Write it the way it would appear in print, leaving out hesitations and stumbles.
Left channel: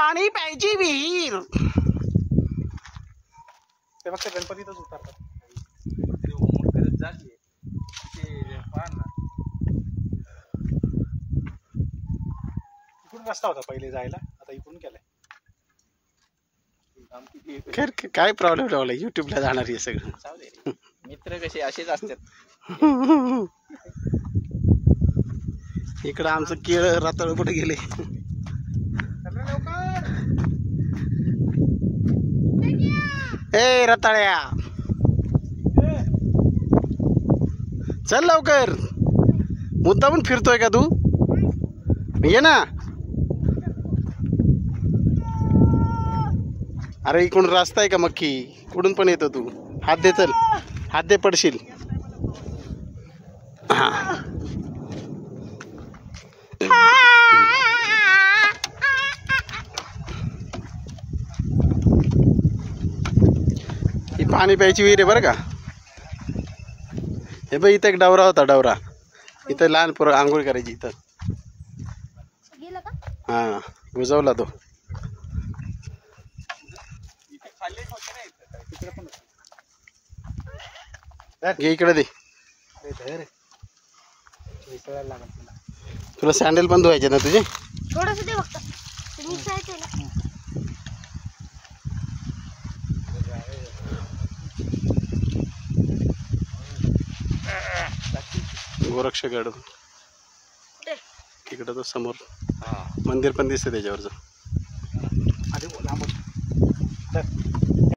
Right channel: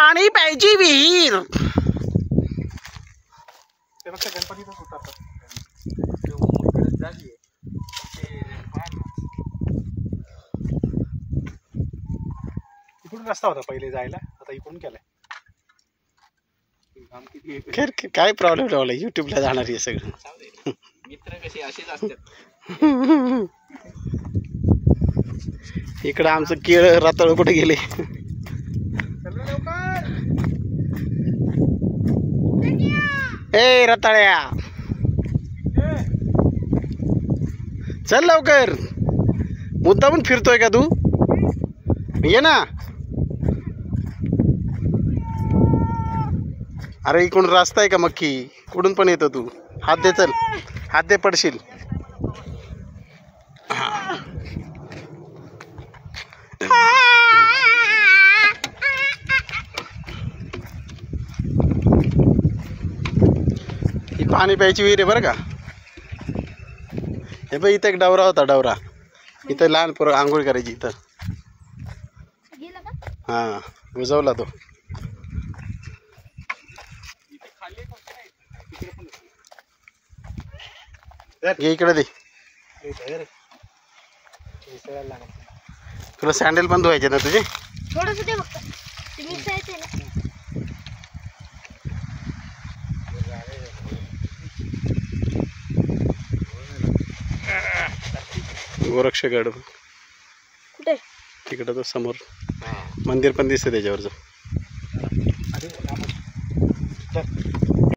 पाणी प्यायची विहीर. ते फक्त गणपतीतच उतरतात. जागी इकडून रस्ता होता पहिले जायला, आता इकडून केलाय. खैर काय प्रॉब्लेम लावला, युट्यूबला जाणार आहे सगळं. मित्र कसे असेच असतात. इकडं आमचं केळ रताळ कुठे गेले. ए रताळ्या चल लवकर. मुद्दामून फिरतोय का तू? ये ना. अरे इकडून रस्ता आहे का मक्की? कुठून पण येतो तू? हात दे, चल हात दे, पडशील. ही पाणी प्यायची विहीर आहे बरं का. हे बघ इथं एक डवरा होता, डवरा. इथं लहान पोरं आंघोळ करायची इथं. हा बुजवला तो. घे इकडे दे. तुला सँडल पण धुवायचे ना तुझे? थोडंसं दे फक्त, ते मिक्सायचं आहे ना. गोरक्षगड कुठे? तिकडं तो समोर मंदिर पण दिसतं त्याच्यावरचं.